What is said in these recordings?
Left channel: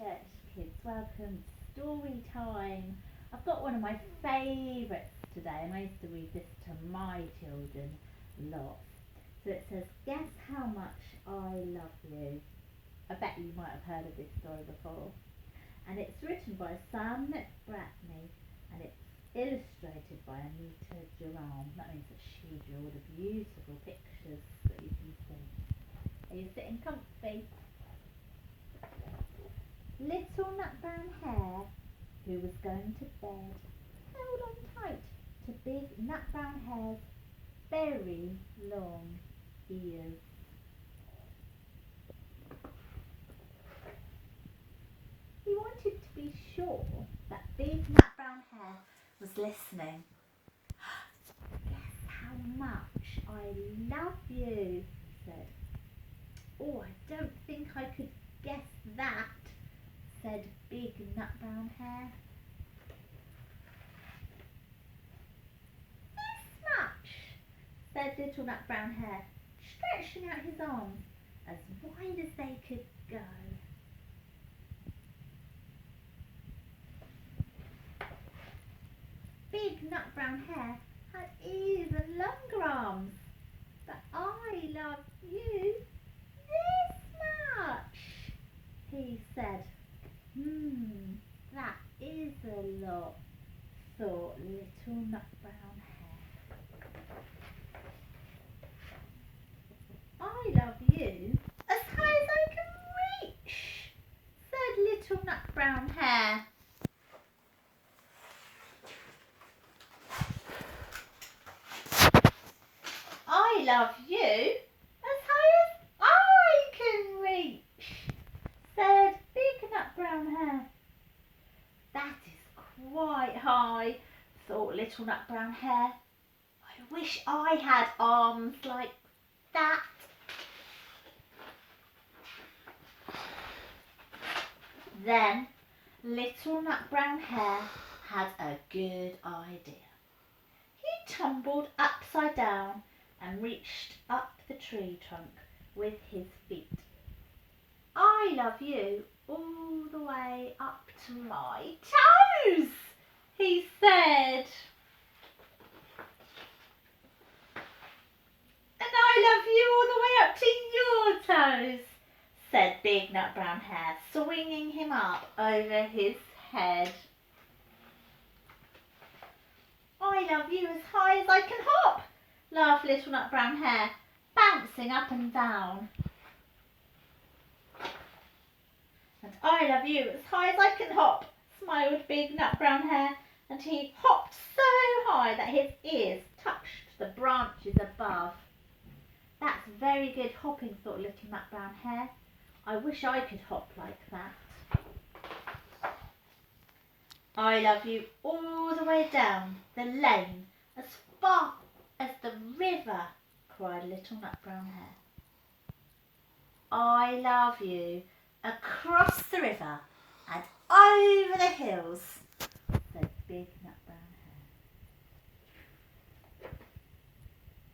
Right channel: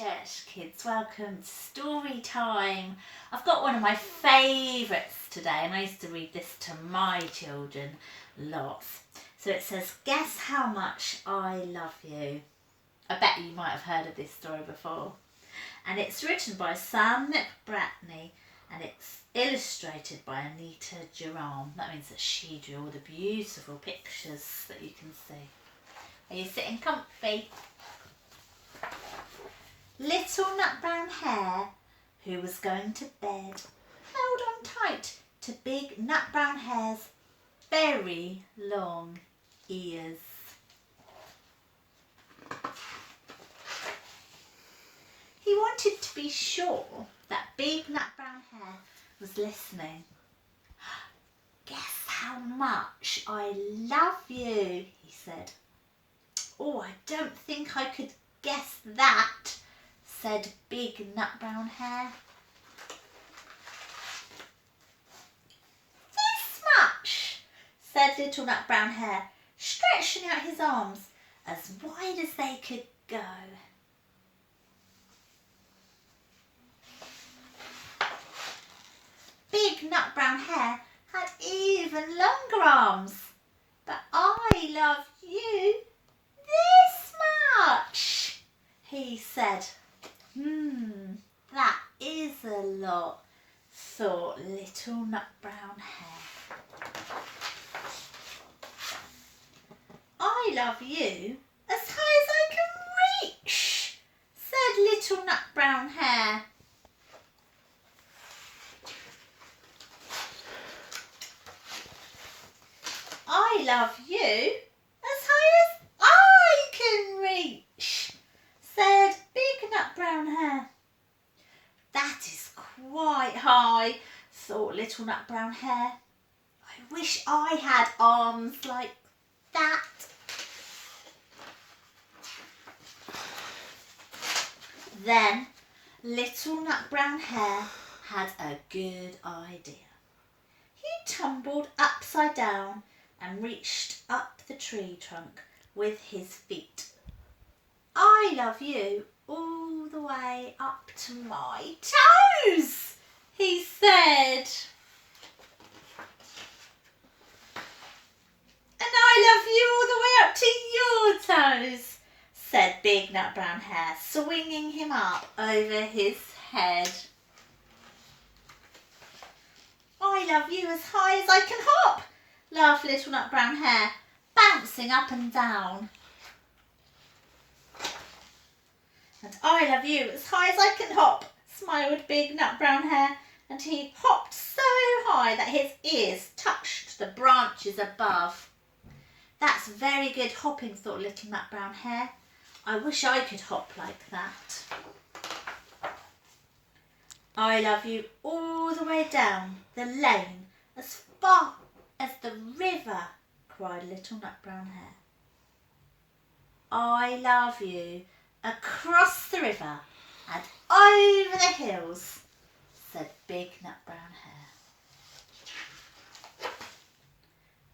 Church kids, welcome to story time. I've got one of my favourites today, and I used to read this to my children lots. So it says, guess how much I love you. I bet you might have heard of this story before. And it's written by Sam McBratney and it's illustrated by Anita Jeram. That means that she drew all the beautiful pictures that you can see. Are you sitting comfy? Little nut brown hare, who was going to bed, held on tight to big nut brown hare's very long ears. He wanted to be sure that big nut brown hare was listening. Guess how much I love you, he said. Oh, I don't think I could guess that, said big nut brown hare. This much, said little nut brown hare, stretching out his arms as wide as they could go. Big nut brown hare had even longer arms. But I love you this much, he said. That is a lot, thought little nut brown hare. I love you as high as I can reach, said little nut brown hare. I love you as high as I can reach, said big nut brown hare. That is quite high, thought little nut brown hare. I wish I had arms like that. Then little nut brown hare had a good idea. He tumbled upside down and reached up the tree trunk with his feet. I love you all the way up to my toes, he said. And I love you all the way up to your toes, said big nut brown hare, swinging him up over his head. I love you as high as I can hop, laughed little nut brown hare, bouncing up and down. And I love you as high as I can hop, smiled big nut brown hare, and he hopped so high that his ears touched the branches above. That's very good hopping, thought little nut brown hare. I wish I could hop like that. I love you all the way down the lane, as far as the river, cried little nut brown hare. I love you across the river and over the hills, said big nut brown hare.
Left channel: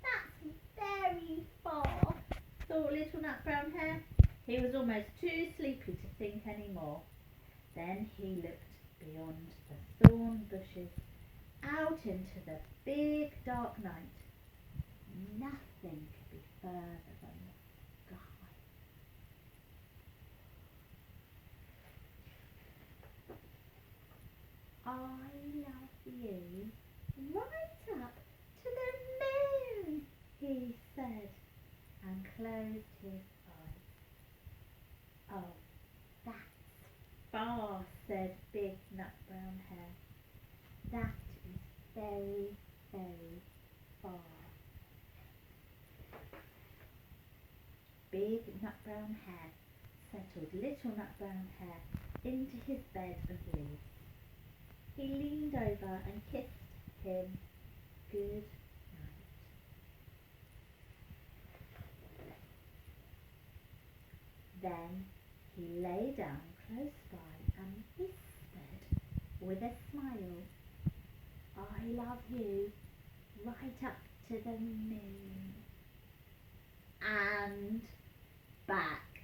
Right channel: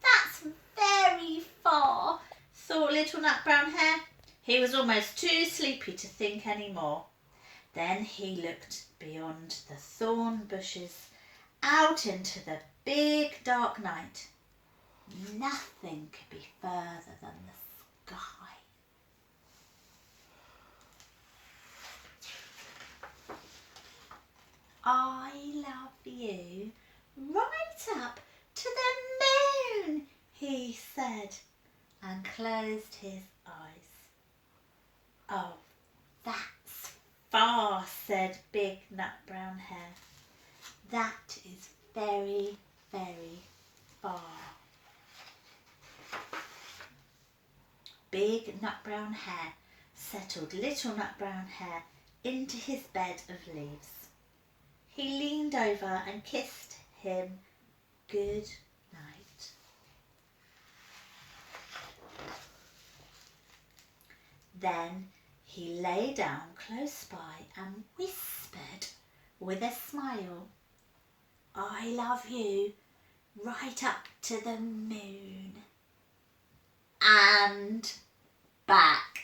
That's very far, thought little nut brown hare. He was almost too sleepy to think any more. Then he looked beyond the thorn bushes out into the big dark night. Nothing could be further than the sky. I love you right up to the moon, he said, and closed his eyes. Oh, that's far, said big nut brown hare. That is very, very far. Big nut brown hare settled little nut brown hare into his bed of leaves. He leaned over and kissed him good night. Then he lay down close by and whispered with a smile, I love you right up to the moon and back.